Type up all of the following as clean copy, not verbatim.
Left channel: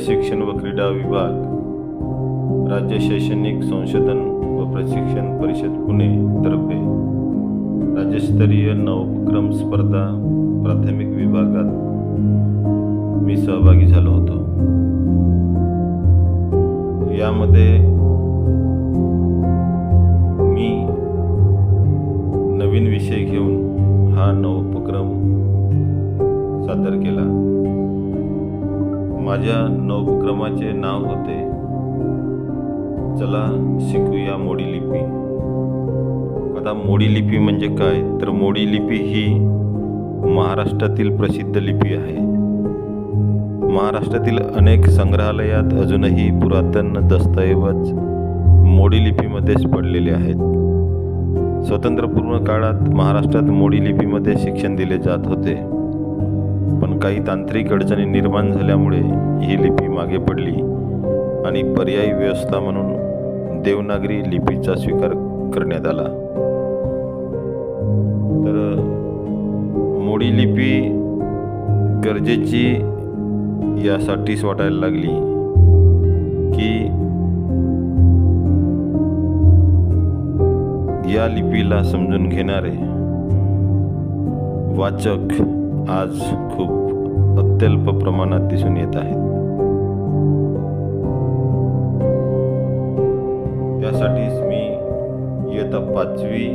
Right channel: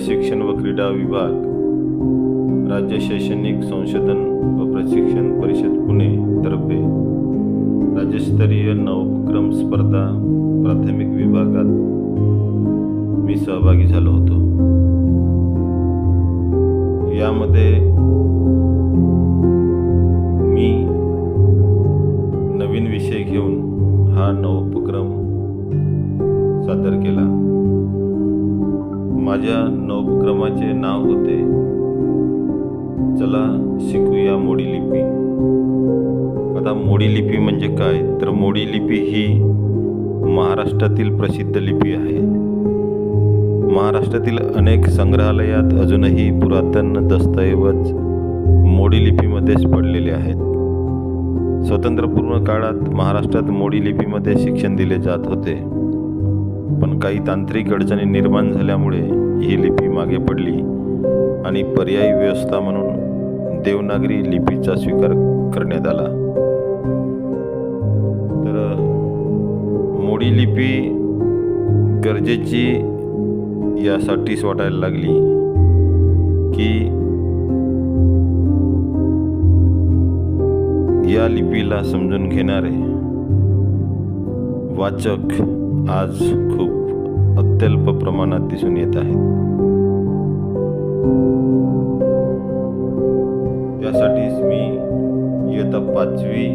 शिक्षण व क्रीडा विभाग, राज्य शैक्षणिक संशोधन व प्रशिक्षण परिषद पुणे तर्फे राज्यस्तरीय नवोपक्रम स्पर्धा प्राथमिक विभागात मी सहभागी झालो होतो। यामध्ये मी नवीन विषय घेऊन हा नवोपक्रम सादर केला। माझ्या नवोपक्रमाचे नाव होते चला शिकूया मोडी लिपी। आता मोडी लिपी म्हणजे काय, तर मोडी लिपी ही महाराष्ट्रातील प्रसिद्ध लिपी आहे। महाराष्ट्रातील अनेक संग्रहालयात अजूनही पुरातन दस्तऐवज मोडी लिपीमध्येच पडलेले आहेत। स्वातंत्र्यपूर्व काळात महाराष्ट्रात मोडी लिपीमध्ये शिक्षण दिले जात होते, पण काही तांत्रिक अडचणी निर्माण झाल्यामुळे ही लिपी मागे पडली आणि पर्यायी व्यवस्था म्हणून देवनागरी लिपीचा स्वीकार करण्यात आला। तर मोडी लिपी गरजेची यासाठीच वाटायला लागली की या लिपीला समजून घेणारे वाचक आज खूप अत्यल्प प्रमाणात दिसून येत आहेत। त्यासाठीच मी इयत्ता 5वी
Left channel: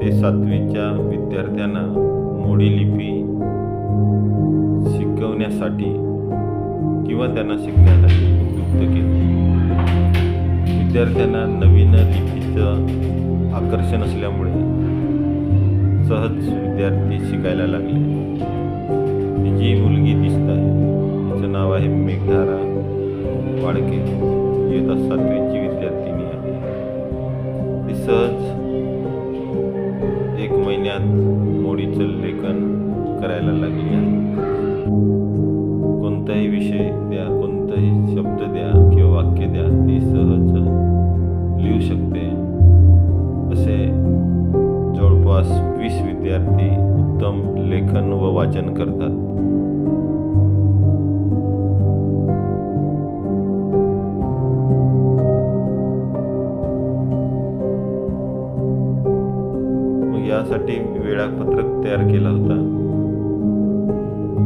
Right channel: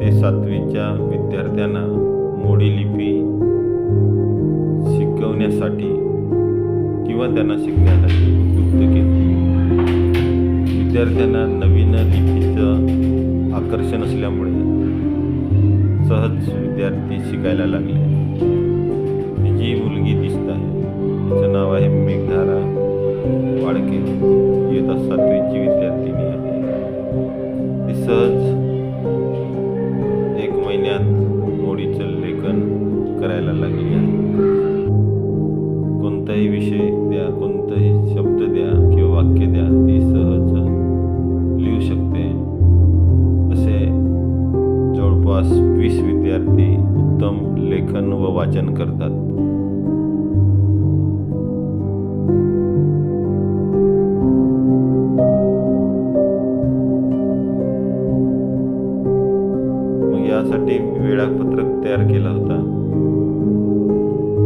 ते 7वीच्या विद्यार्थ्यांना मोडी लिपी शिकवण्यासाठी किंवा त्यांना शिकण्यासाठी उपयुक्त केले। विद्यार्थ्यांना नवीन लिपीचं आकर्षण असल्यामुळे सहज विद्यार्थी शिकायला लागले। ही जी मुलगी दिसत आहे तिचं नाव आहे मेघधारा वाडके, इयत्ता 7वीची विद्यार्थिनी आहे। ती सहज 1 महिन्यात मोडीचं लेखन करायला लागली आहे। कोणताही विषय द्या, कोणताही शब्द द्या किंवा वाक्य द्या, ती सहज लिहू शकते। असे जवळपास 20 विद्यार्थी उत्तम लेखन व वाचन करतात। मग यासाठी वेळापत्रक तयार केला होता।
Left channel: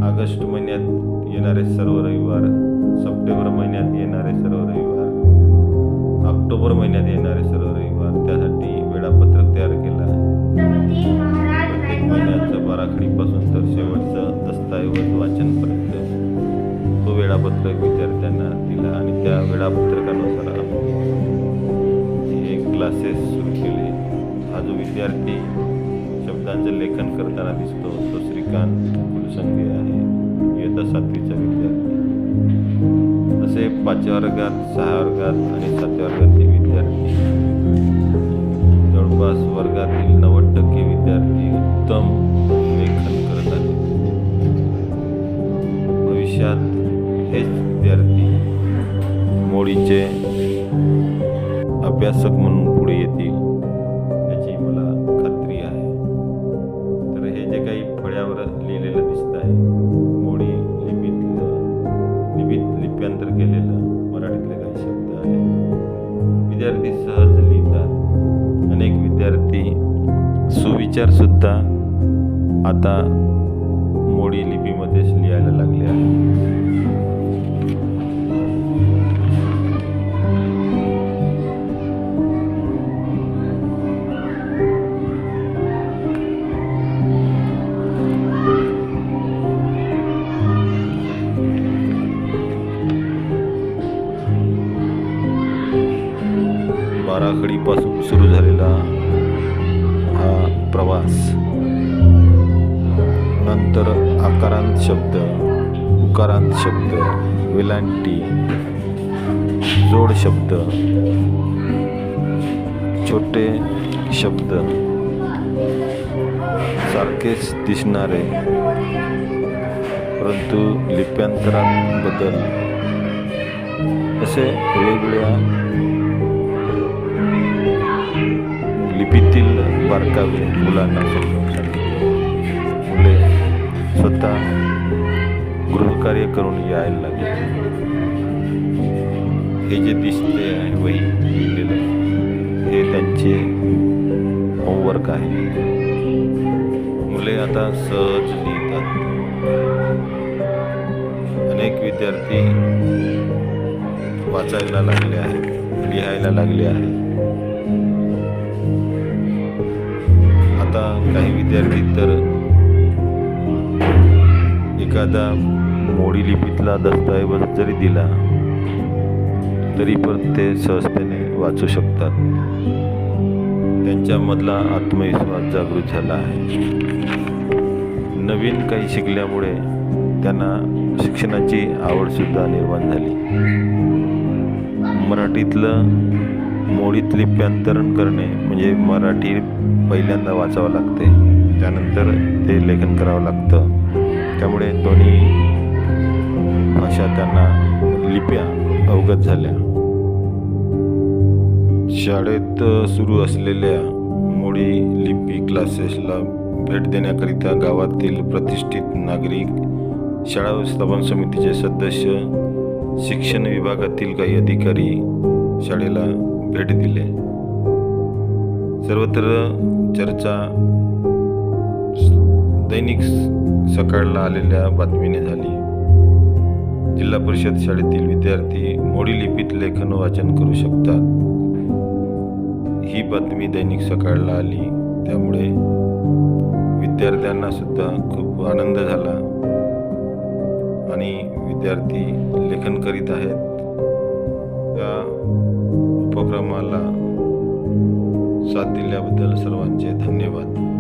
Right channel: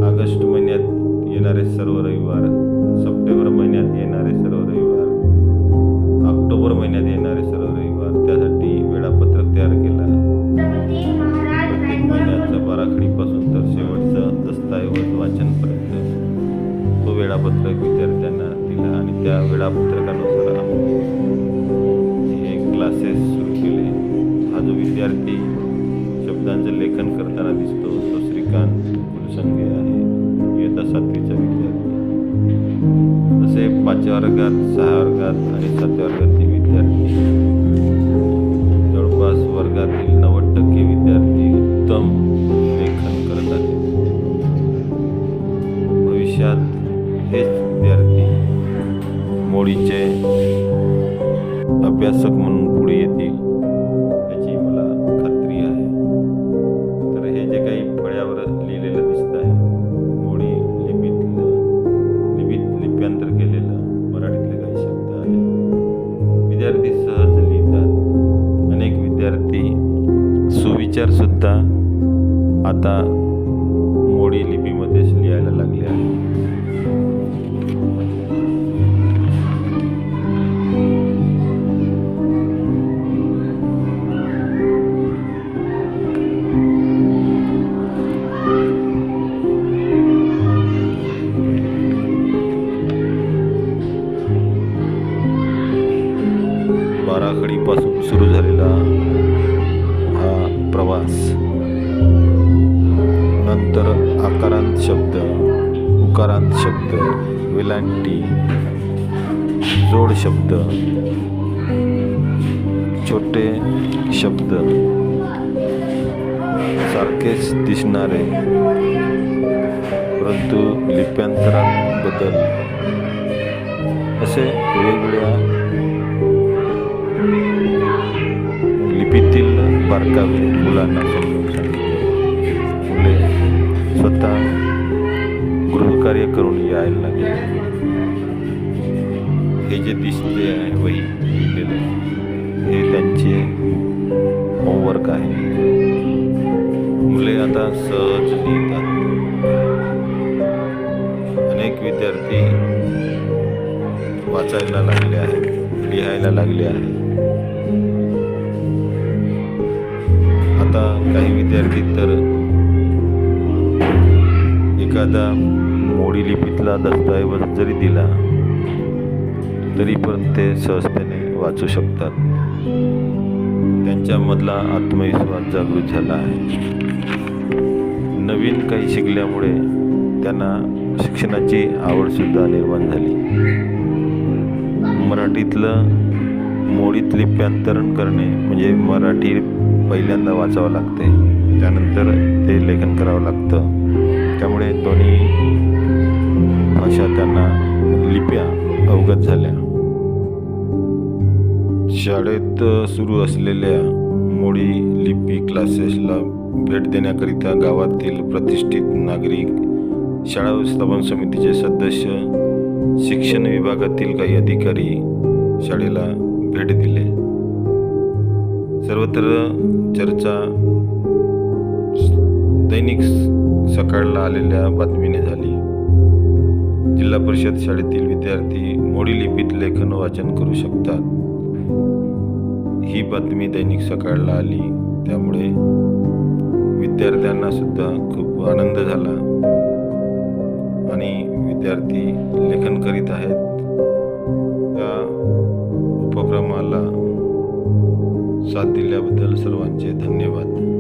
ऑगस्ट महिन्यात येणारे सर्व रविवार, सप्टेंबर महिन्यात येणारे सर्व रविवार, ऑक्टोबर महिन्यात येणारे सर्व रविवार, त्यासाठी वेळापत्रक तयार केला। प्रत्येक महिन्याचं बाराखडीपासून तर शेवटचं दस्तऐवज वाचनपर्यंत तो वेळापत्रक विद्यार्थ्यांना दिला आणि त्या वेळापत्रकानुसार हे क्लासेस सुरू केले। हा जो विद्यार्थी शब्दांचं लेखन करताना दिसतो तो श्रीकांत कुलसंगे आहे, इयत्ता 7वीचा विद्यार्थी। असे 5व्या वर्गात, 6व्या वर्गात आणि 7व्या वर्गातील विद्यार्थी, जवळपास वर्गातील 90% विद्यार्थी उत्तम लेखन करत आहेत। भविष्यात हेच विद्यार्थी मोडीचे अभ्यासक म्हणून पुढे येतील याची मला खात्री आहे। तर हे जे काही फळ्यावर लिहिलेलं दिसत आहे, मोडी लिपीत लिप्यांतर केलेलं मराठीतले काही शब्द आहे। विद्यार्थी सहज लिहितात। अनेक विद्यार्थी सुविचार सुद्धा आता मोडी लिपीमध्येच लिहायला लागले आहेत। बाराखडीपासून सुरू झालेला हा प्रवास नंतर आकारांत शब्द, उकारांत शब्द, वेलांटी, जोड शब्द, छोटे शब्द, सारखेच दिसणारे परंतु लिप्यांतरात बदल, असे वेगवेगळ्या लिपीतील बारकावे मुलांना समजून सांगितले। मुले स्वतः गृहकार्य करून यायला लागले. हे जे दिसते आहे वही लिहिलेलं हे त्यांचे होमवर्क आहे. मुले आता सहज लिहितात. अनेक विद्यार्थी वाचायला लागले आहेत, लिहायला लागले आहेत. आता काही विद्यार्थी तर एखादा मोडी लिपीतला दस्तऐवज जरी दिला तरी पण ते सहजतेने वाचू शकतात. त्यांच्यामधला आत्मविश्वास जागृत झाला आहे. नवीन काही शिकल्यामुळे त्यांना शिक्षणाची आवडसुद्धा निर्माण झाली. मराठीतलं मोडीत लिप्यांतरण करणे म्हणजे मराठी पहिल्यांदा वाचावं लागते, त्यानंतर ते लेखन करावं लागतं. त्यामुळे दोन्ही भाषा त्यांना लिप्या अवगत झाल्या. शाळेत सुरू असलेल्या मोडी लिपी क्लासेसला भेट देण्याकरिता गावातील प्रतिष्ठित नागरिक, शाळा व्यवस्थापन समितीचे सदस्य, शिक्षण विभागातील काही अधिकारी शाळेला भेट दिले. सर्वत्र चर्चा दैनिक सकाळला आलेल्या बातमीने झाली. जिल्हा परिषद शाळेतील विद्यार्थी मोडी लिपीत लेखन वाचन करू शकतात ही बातमी दैनिक सकाळला आली. त्यामुळे विद्यार्थ्यांना सुद्धा खूप आनंद झाला आणि विद्यार्थी लेखन करीत आहेत. या उपक्रमाला साथ दिल्याबद्दल सर्वांचे धन्यवाद.